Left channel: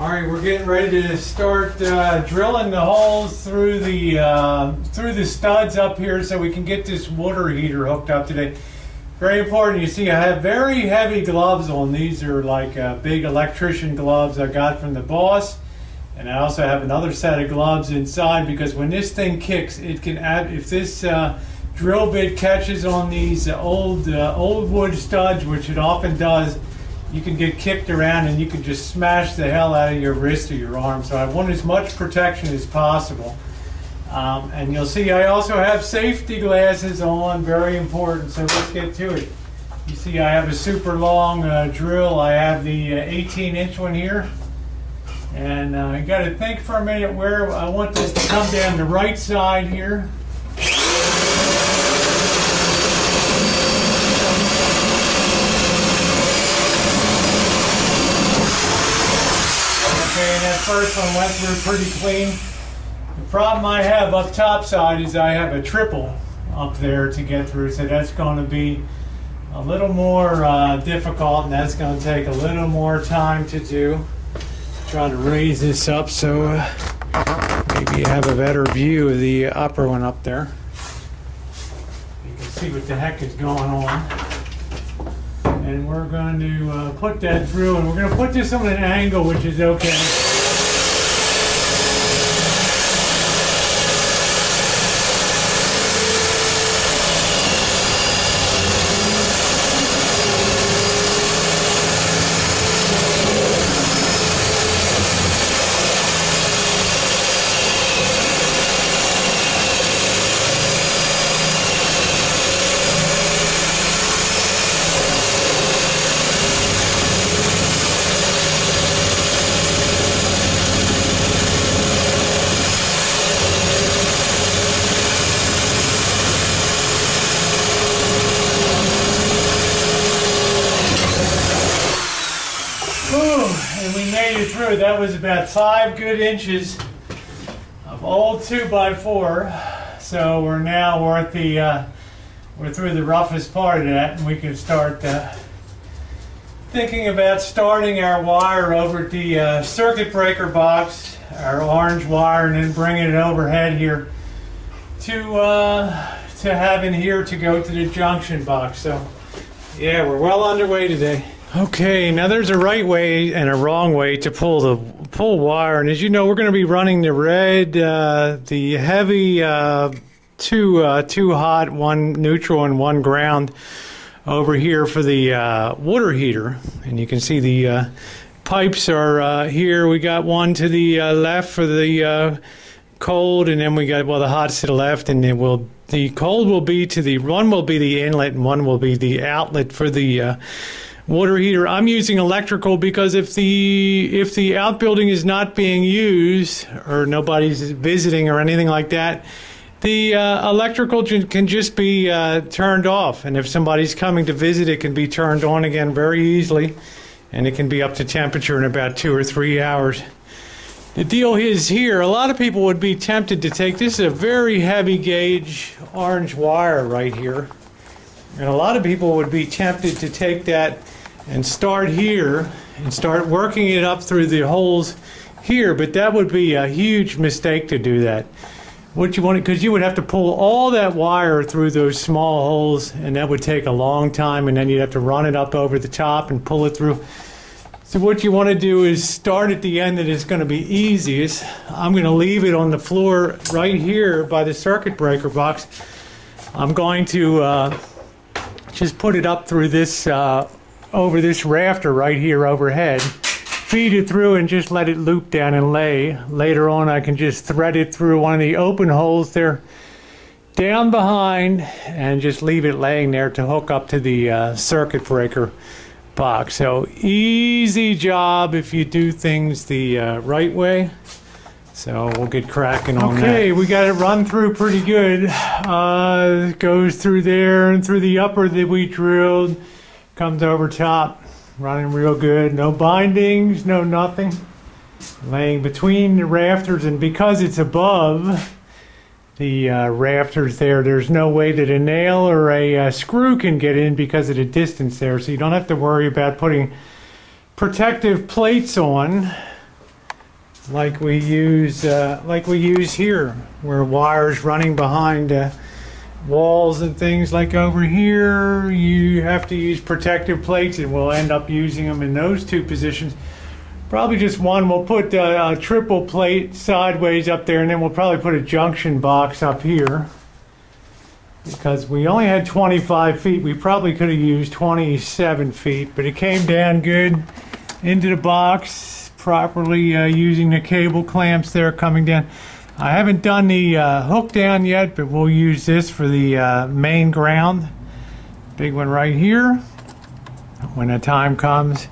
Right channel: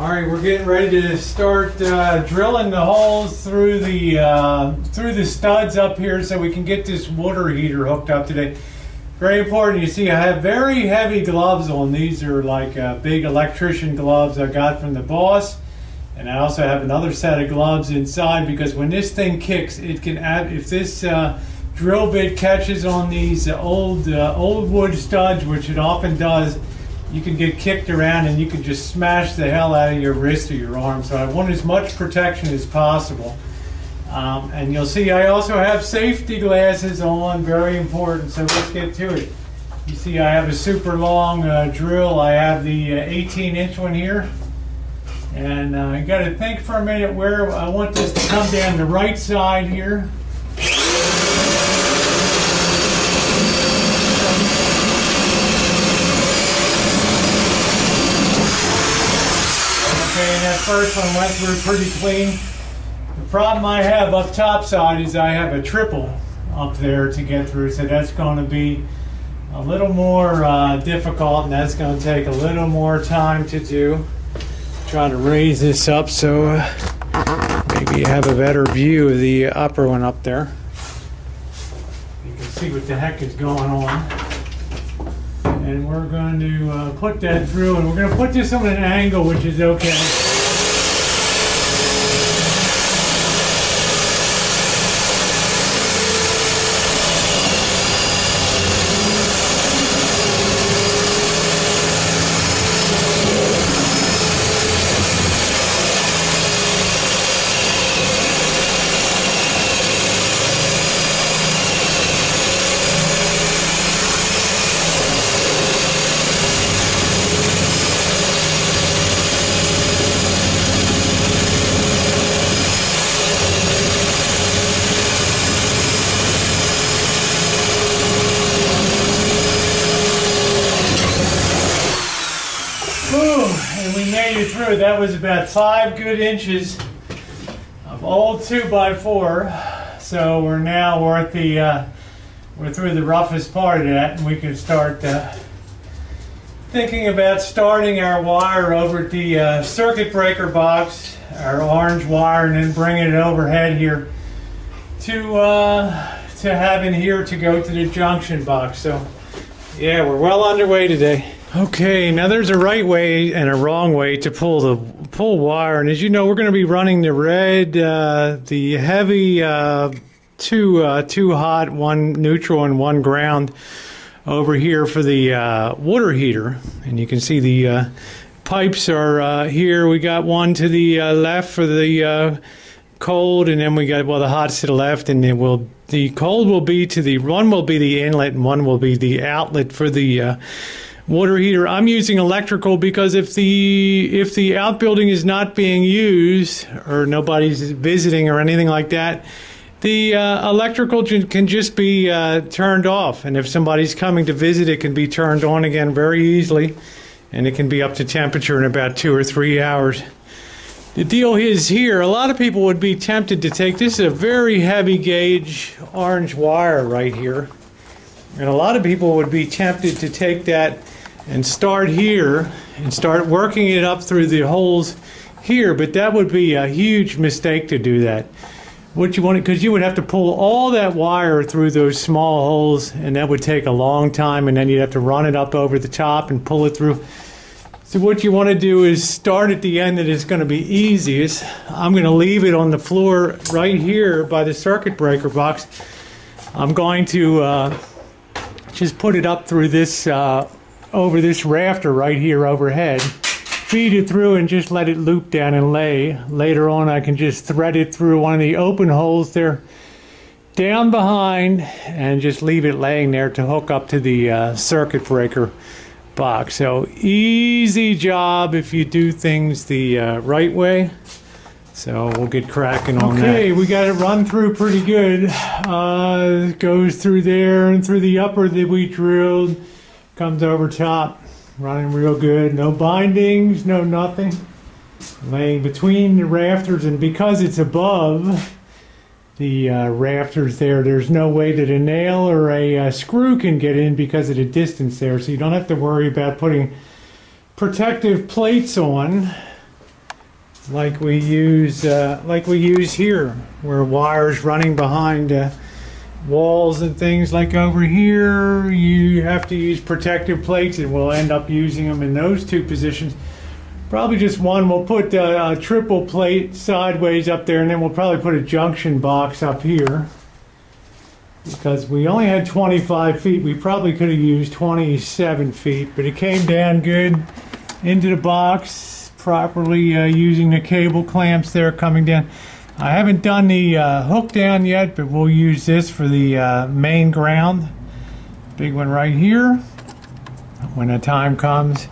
All right, we're getting ready to start drilling the holes through the studs up here so we can get this water heater hooked up today. Very important. You see, I have very heavy gloves on. These are like big electrician gloves I got from the boss, and I also have another set of gloves inside because when this thing kicks, it can add. If this drill bit catches on these old wood studs, which it often does, you can get kicked around and you can just smash the hell out of your wrist or your arm. So I want as much protection as possible. And you'll see I also have safety glasses on, very important. So let's get to it. You see I have a super long drill. I have the 18-inch one here. And I got to think for a minute where I want this to come down the right side here. And that first one went through pretty clean. The problem I have up top side is I have a triple up there to get through, so that's going to be a little more difficult, and that's going to take a little more time to do. Try to raise this up so maybe you have a better view of the upper one up there. You can see what the heck is going on. And we're going to put that through, and we're going to put this on an angle which is okay. And we made it through. That was about 5 good inches of old 2x4. So we're at the we're through the roughest part of that, and we can start thinking about starting our wire over at the circuit breaker box, our orange wire, and then bringing it overhead here to have in here to go to the junction box. So yeah, we're well underway today. Okay, now there's a right way and a wrong way to pull wire, and as you know, we're going to be running the red, the heavy, two hot, one neutral, and one ground over here for the water heater. And you can see the pipes are here. We got one to the left for the cold, and then we got the hot's to the left, and then the cold will be one will be the inlet, and one will be the outlet for the water heater. I'm using electrical because if the outbuilding is not being used or nobody's visiting or anything like that, the electrical can just be turned off, and if somebody's coming to visit, it can be turned on again very easily, and it can be up to temperature in about 2 or 3 hours. The deal is here, a lot of people would be tempted to take, this is a very heavy gauge orange wire right here, and a lot of people would be tempted to take that and start here and start working it up through the holes here, but that would be a huge mistake to do that. What you want, because you would have to pull all that wire through those small holes, and that would take a long time, and then you'd have to run it up over the top and pull it through. So what you want to do is start at the end that is going to be easiest. I'm going to leave it on the floor right here by the circuit breaker box. I'm going to just put it up through this over this rafter right here overhead, feed it through, and just let it loop down and lay. Later on I can just thread it through one of the open holes there down behind and just leave it laying there to hook up to the circuit breaker box. So easy job if you do things the right way. So we'll get cracking on that. Okay, we got it run through pretty good. It goes through there and through the upper that we drilled. Comes over top, running real good. No bindings, no nothing. Laying between the rafters, and because it's above the rafters there's no way that a nail or a screw can get in because of the distance there. So you don't have to worry about putting protective plates on. like we use here, where wires running behind walls and things. Like over here, you have to use protective plates, and we'll end up using them in those two positions. Probably just one. We'll put a triple plate sideways up there, and then we'll probably put a junction box up here. Because we only had 25 feet, we probably could have used 27 feet, but it came down good into the box properly, using the cable clamps there coming down. I haven't done the hook down yet, but we'll use this for the main ground. Big one right here when the time comes.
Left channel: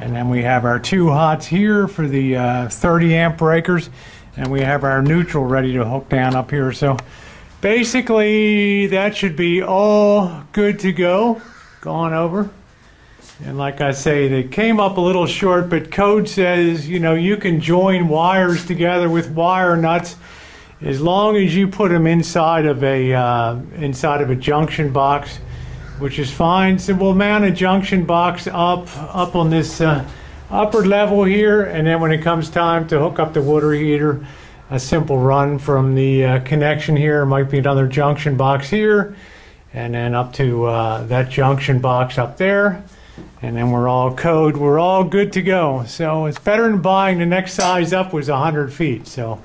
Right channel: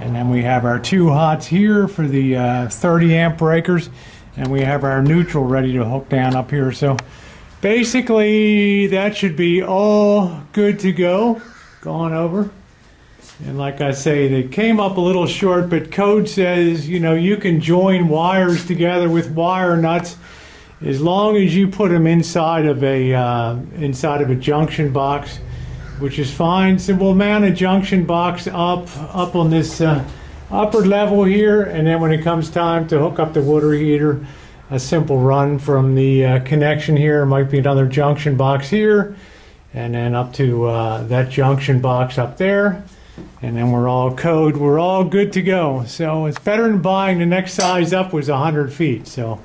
And then we have our 2 hots here for the 30 amp breakers, and we have our neutral ready to hook down up here. So basically that should be all good to go, gone over. And like I say, they came up a little short, but code says, you know, you can join wires together with wire nuts as long as you put them inside of a junction box, which is fine. So we'll mount a junction box up on this upper level here, and then when it comes time to hook up the water heater, a simple run from the connection here might be another junction box here, and then up to that junction box up there. And then we're all good to go. So it's better than buying. The next size up was 100 feet, so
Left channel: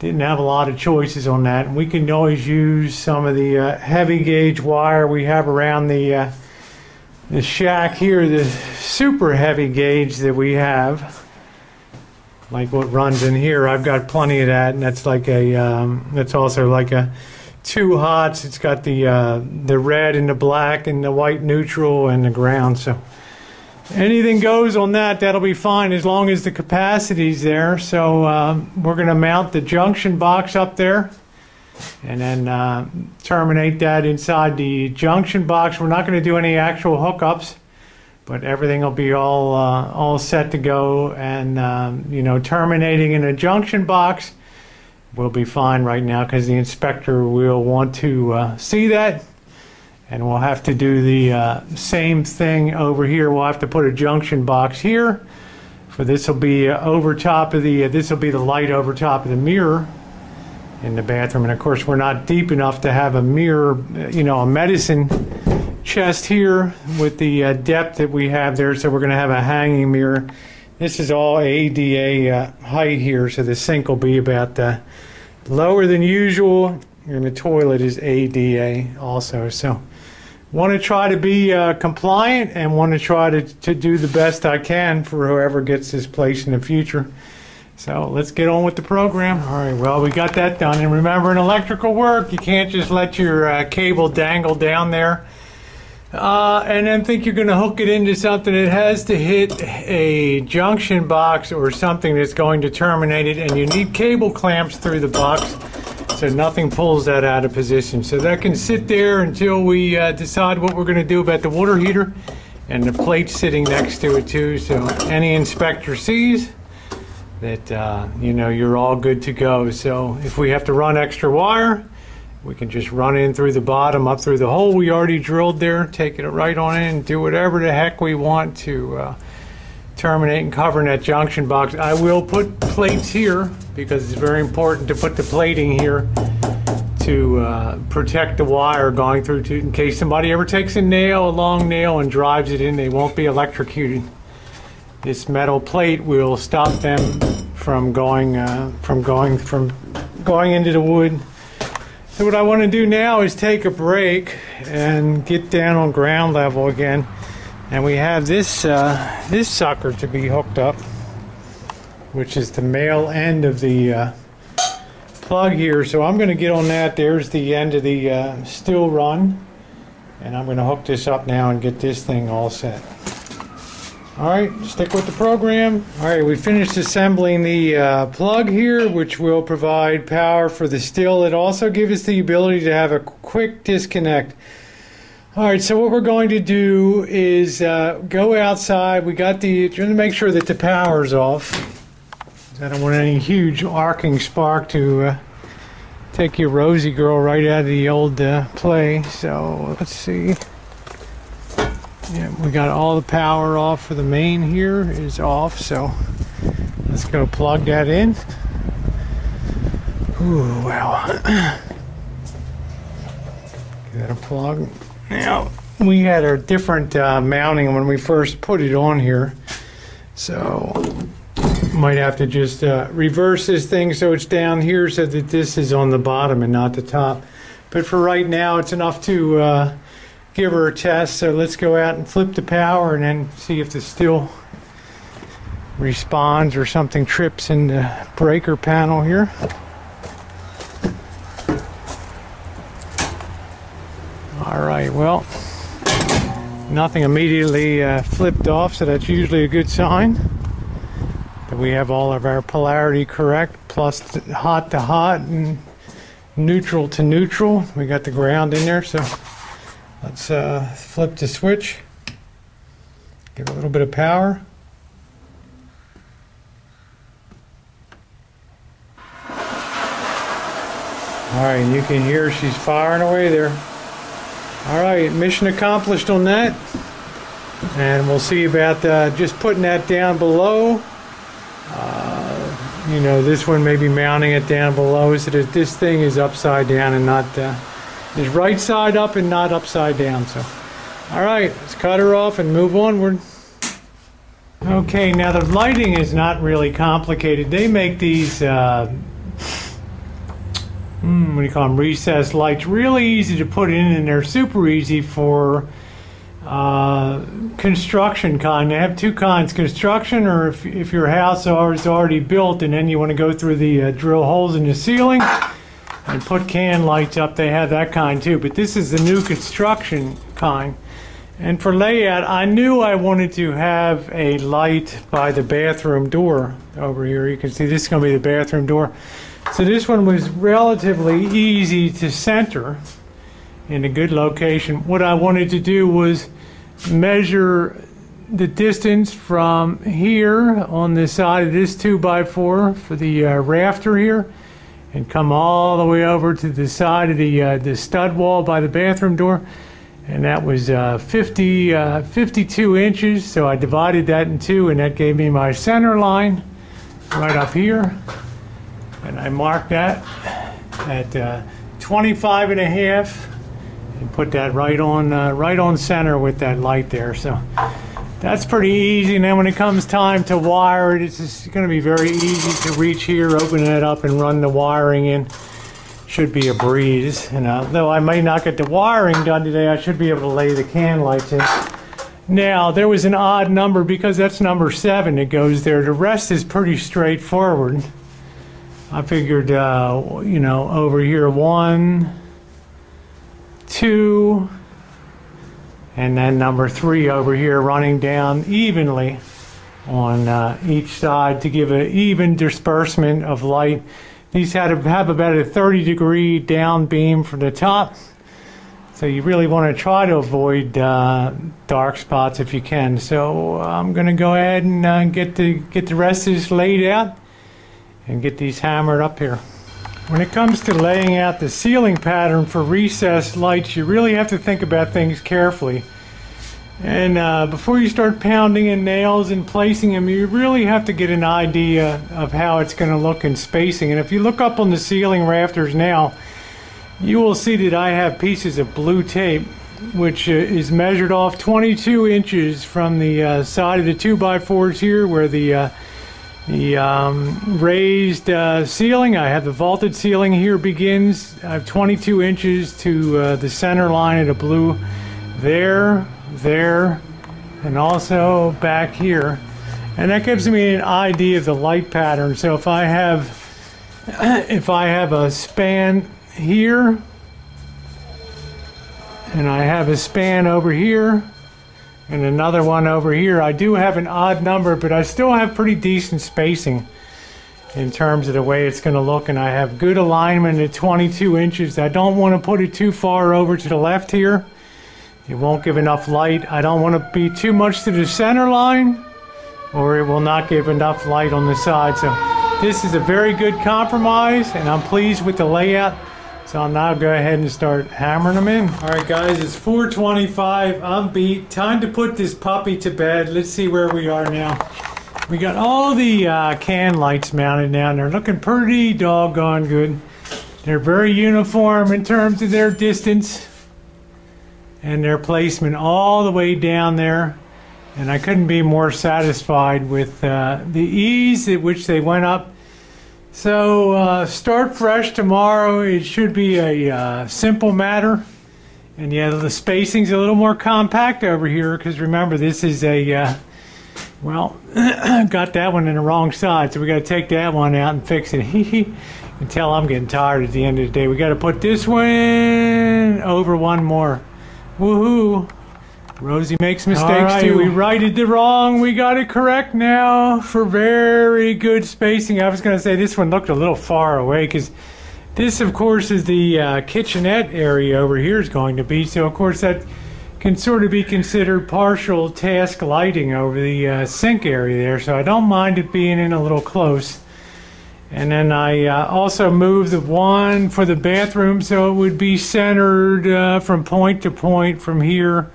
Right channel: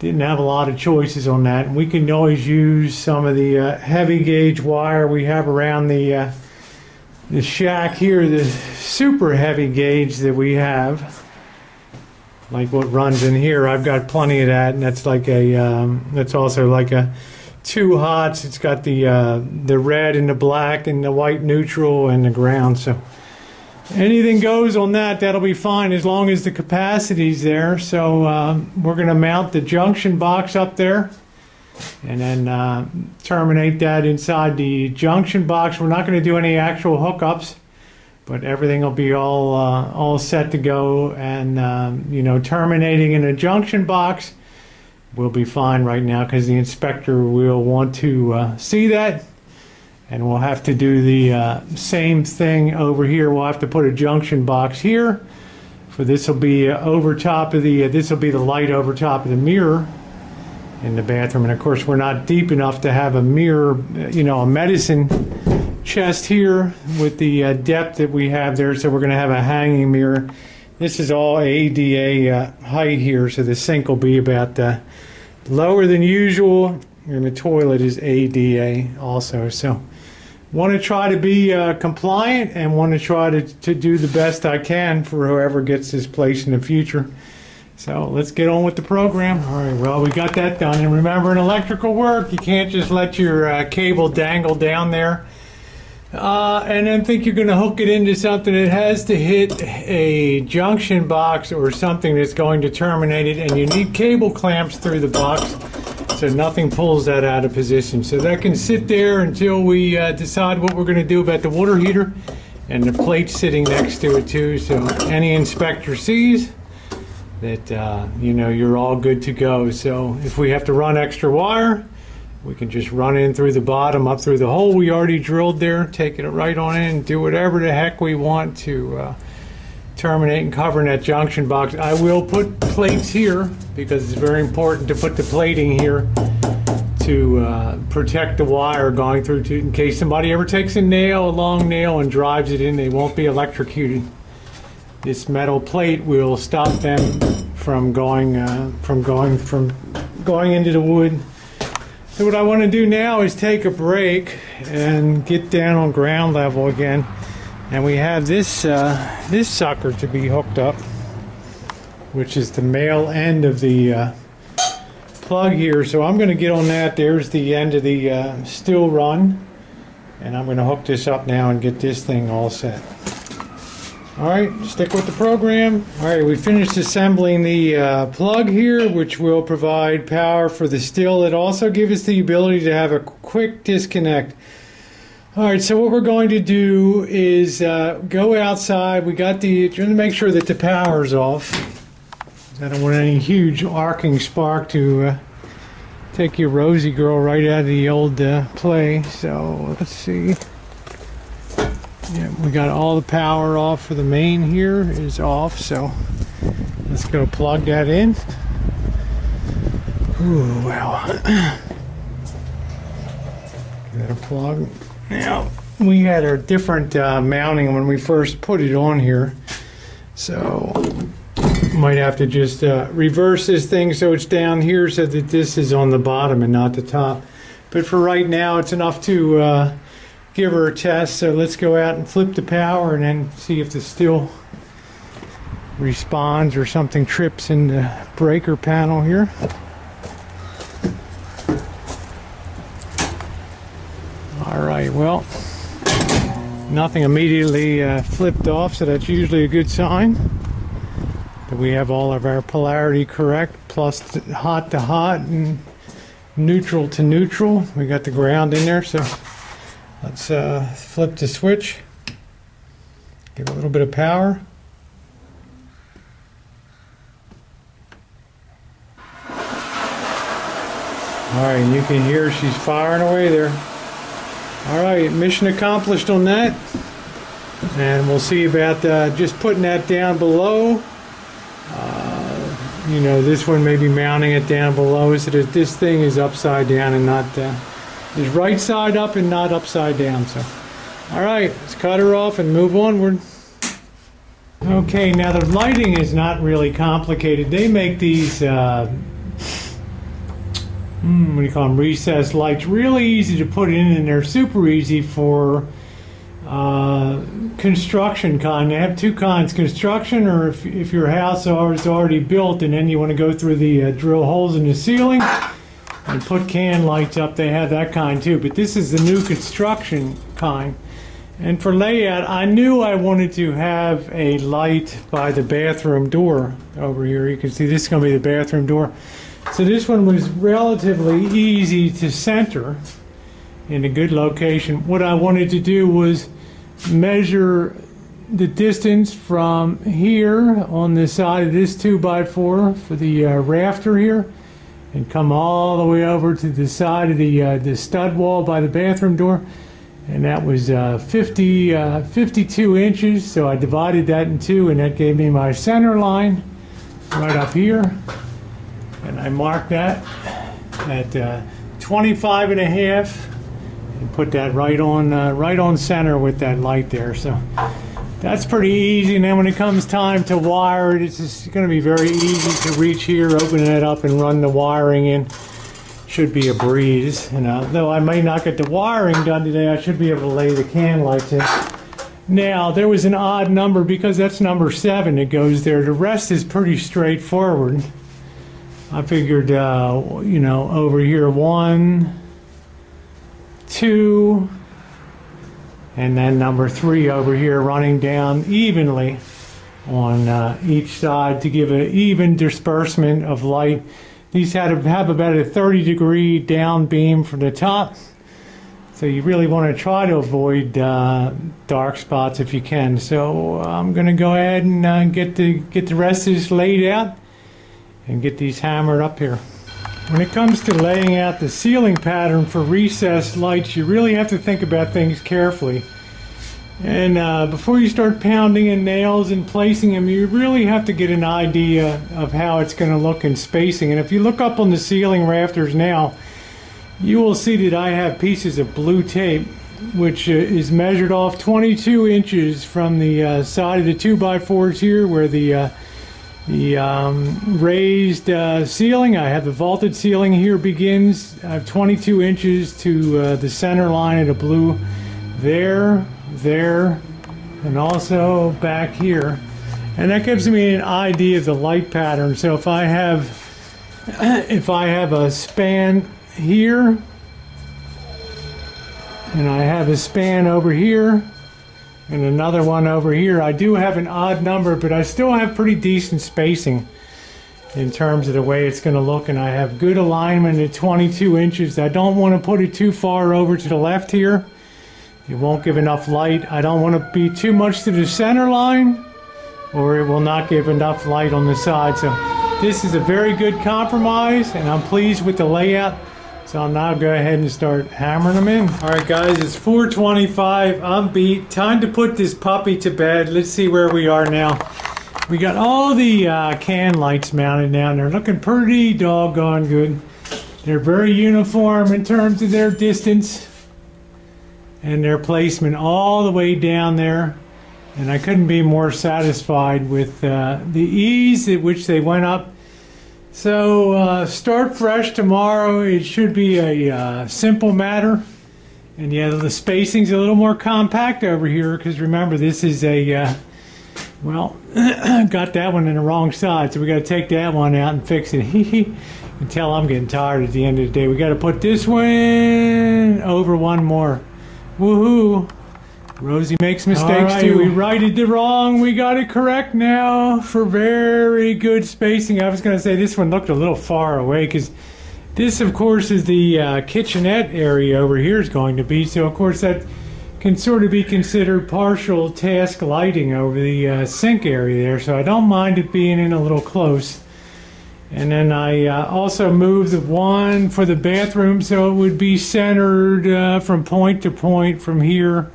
didn't have a lot of choices on that. And we can always use some of the heavy gauge wire we have around the shack here, the super heavy gauge that we have, like what runs in here. I've got plenty of that, and that's like that's also like a 2 hots. It's got the red and the black and the white neutral and the ground. So anything goes on that. That'll be fine as long as the capacity's there. So we're going to mount the junction box up there, and then terminate that inside the junction box. We're not going to do any actual hookups, but everything will be all set to go. And you know, terminating in a junction box will be fine right now, because the inspector will want to see that, and we'll have to do the same thing over here. We'll have to put a junction box here. For this will be over top of the this will be the light over top of the mirror in the bathroom. And of course, we're not deep enough to have a mirror, you know, a medicine chest here with the depth that we have there. So we're going to have a hanging mirror. This is all ADA height here, so the sink will be about lower than usual, and the toilet is ADA also. So want to try to be compliant, and want to try to do the best I can for whoever gets this place in the future. So let's get on with the program. All right, well, we got that done. And remember, in electrical work, you can't just let your cable dangle down there and then think you're going to hook it into something. It has to hit a junction box or something that's going to terminate it, and you need cable clamps through the box so nothing pulls that out of position. So that can sit there until we decide what we're going to do about the water heater, and the plate sitting next to it too, so any inspector sees that you know, you're all good to go. So if we have to run extra wire, we can just run in through the bottom, up through the hole we already drilled there, take it right on in, do whatever the heck we want to terminate and cover in that junction box. I will put plates here because it's very important to put the plating here to protect the wire going through to, in case somebody ever takes a long nail, and drives it in, they won't be electrocuted. This metal plate will stop them from going into the wood. So what I want to do now is take a break and get down on ground level again. And we have this this sucker to be hooked up, which is the male end of the plug here. So I'm going to get on that. There's the end of the steel run, and I'm going to hook this up now and get this thing all set. Alright, stick with the program. Alright, we finished assembling the plug here, which will provide power for the still. It also gives us the ability to have a quick disconnect. Alright, so what we're going to do is go outside. We got trying to make sure that the power's off. I don't want any huge arcing spark to take your Rosie girl right out of the old play. So let's see. Yeah, we got all the power off for the main here is off, so Let's go plug that in. Ooh, wow. Get that a plug. Now, we had a different mounting when we first put it on here. So, might have to just reverse this thing so it's down here so that this is on the bottom and not the top. But for right now, it's enough to give her a test. So let's go out and flip the power and then see if this still responds or something trips in the breaker panel here. All right, well, nothing immediately flipped off, so that's usually a good sign that we have all of our polarity correct, plus hot to hot and neutral to neutral. We got the ground in there, so let's flip the switch, give a little bit of power. All right, you can hear she's firing away there. All right, mission accomplished on that. And we'll see about just putting that down below. You know, this one may be mounting it down below so that this thing is upside down and not, is right side up and not upside down. So, all right, let's cut her off and move onward. Okay, now the lighting is not really complicated. They make these, what do you call them, recessed lights, really easy to put in, and they're super easy for construction kind. They have two kinds, construction, or if your house is already built and then you want to go through the drill holes in the ceiling and put can lights up, they have that kind too. But this is the new construction kind. And for layout, I knew I wanted to have a light by the bathroom door over here. You can see this is going to be the bathroom door. So this one was relatively easy to center in a good location. What I wanted to do was measure the distance from here on the side of this 2x4 for the rafter here, and come all the way over to the side of the stud wall by the bathroom door, and that was 52 inches. So I divided that in two, and that gave me my center line right up here, and I marked that at 25 and a half. And put that right on center with that light there. So that's pretty easy. And then when it comes time to wire it, it's just going to be very easy to reach here, open it up, and run the wiring in. Should be a breeze. And though I may not get the wiring done today, I should be able to lay the can lights in. Now there was an odd number because that's number 7 that goes there. The rest is pretty straightforward. I figured, you know, over here 1, 2, and then number 3 over here running down evenly on each side to give an even disbursement of light. These had to have about a 30-degree down beam from the top, so you really want to try to avoid dark spots if you can. So I'm going to go ahead and get the rest of this laid out and get these hammered up here. When it comes to laying out the ceiling pattern for recessed lights, you really have to think about things carefully. And before you start pounding in nails and placing them, you really have to get an idea of how it's going to look in spacing. And if you look up on the ceiling rafters now, you will see that I have pieces of blue tape, which is measured off 22 inches from the side of the 2x4s here, where the raised ceiling, I have the vaulted ceiling here begins. I have 22 inches to the center line of the blue there, and also back here. And that gives me an idea of the light pattern. So if I have a span here, and I have a span over here, and another one over here, I do have an odd number, but I still have pretty decent spacing in terms of the way it's going to look, and I have good alignment at 22 inches. I don't want to put it too far over to the left here. It won't give enough light. I don't want to be too much to the center line, or it will not give enough light on the side. So this is a very good compromise, and I'm pleased with the layout. So I'll now go ahead and start hammering them in. All right, guys, it's 4:25. I'm beat. Time to put this puppy to bed. Let's see where we are now. We got all the can lights mounted now, and they're looking pretty doggone good. They're very uniform in terms of their distance and their placement all the way down there. And I couldn't be more satisfied with the ease at which they went up. So start fresh tomorrow. It should be a simple matter. And yeah, the spacing's a little more compact over here, because remember, this is a, well, got that one in the wrong side, so we got to take that one out and fix it. You can tell I'm getting tired at the end of the day. We got to put this one over one more. Woohoo! Rosie makes mistakes too. We righted the wrong. We got it correct now for very good spacing. I was going to say this one looked a little far away, because this, of course, is the kitchenette area over here is going to be. So, of course, that can sort of be considered partial task lighting over the sink area there. So I don't mind it being in a little close. And then I also moved the one for the bathroom so it would be centered from point to point from here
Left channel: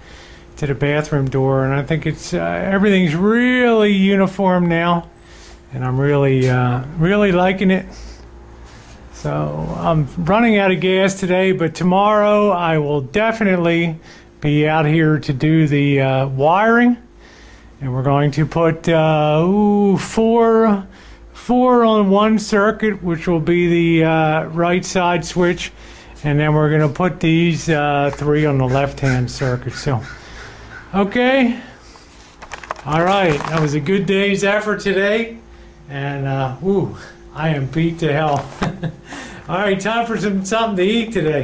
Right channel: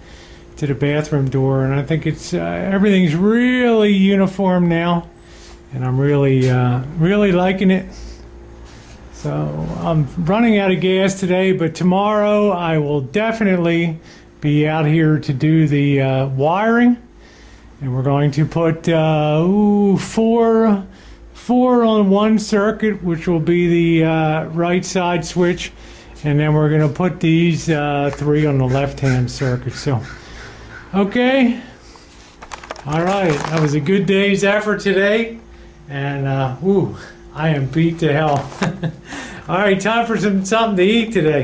to the bathroom door. And I think it's everything's really uniform now. And I'm really, really liking it. So I'm running out of gas today, but tomorrow I will definitely be out here to do the wiring, and we're going to put four on one circuit, which will be the right side switch, and then we're going to put these 3 on the left hand circuit. So okay, all right, that was a good day's effort today, and I am beat to hell. All right, time for something to eat today.